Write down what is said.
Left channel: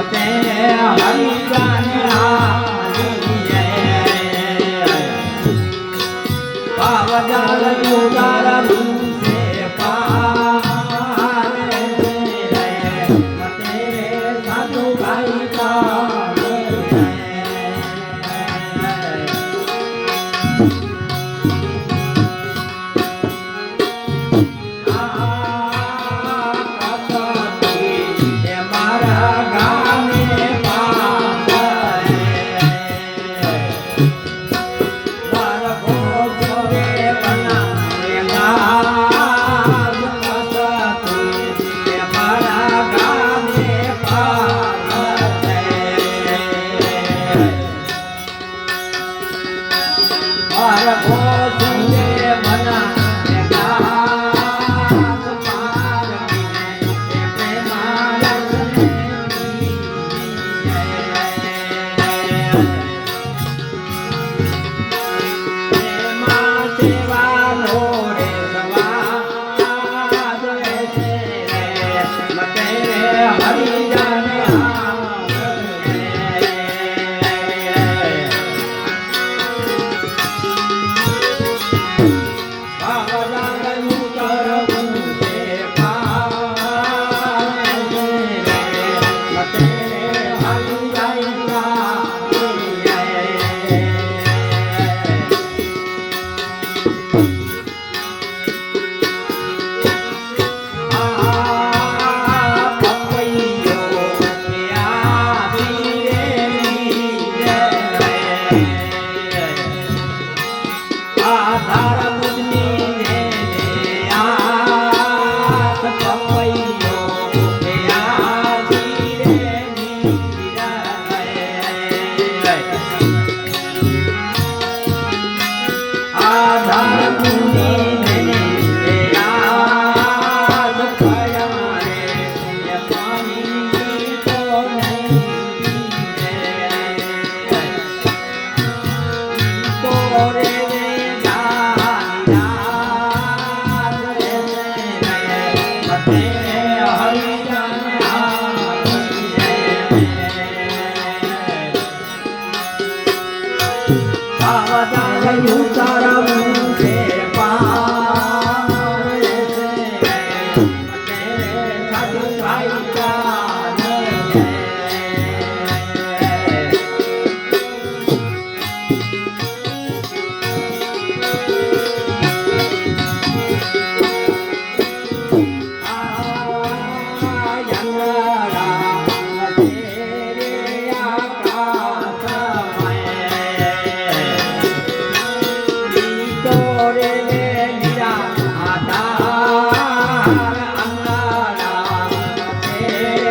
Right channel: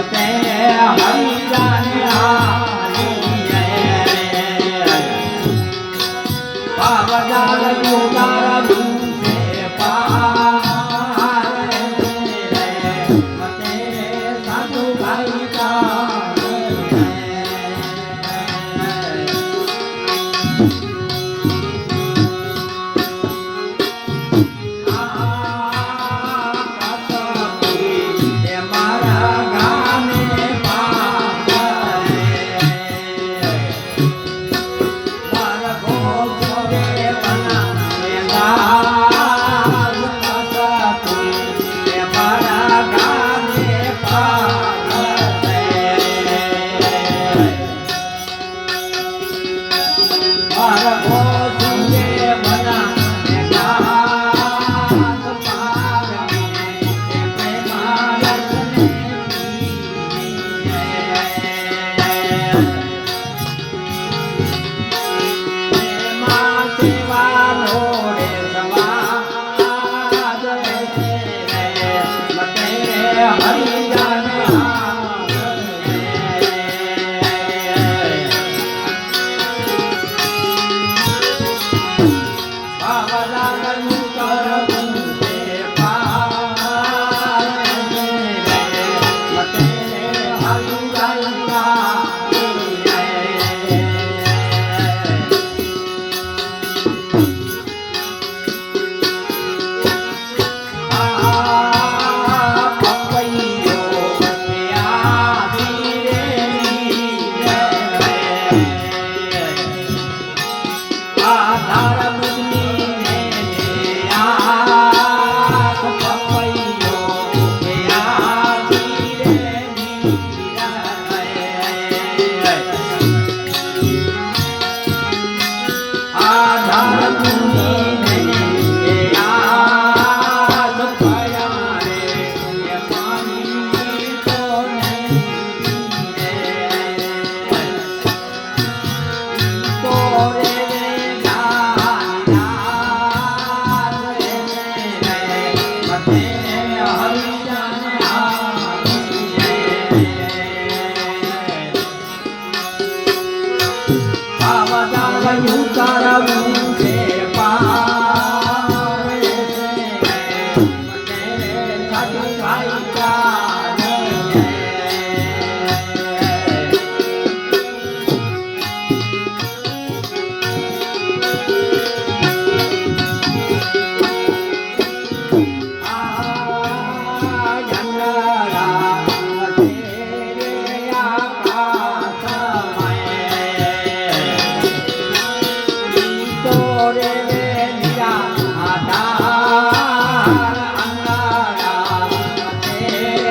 Okay. Tum. Yeah.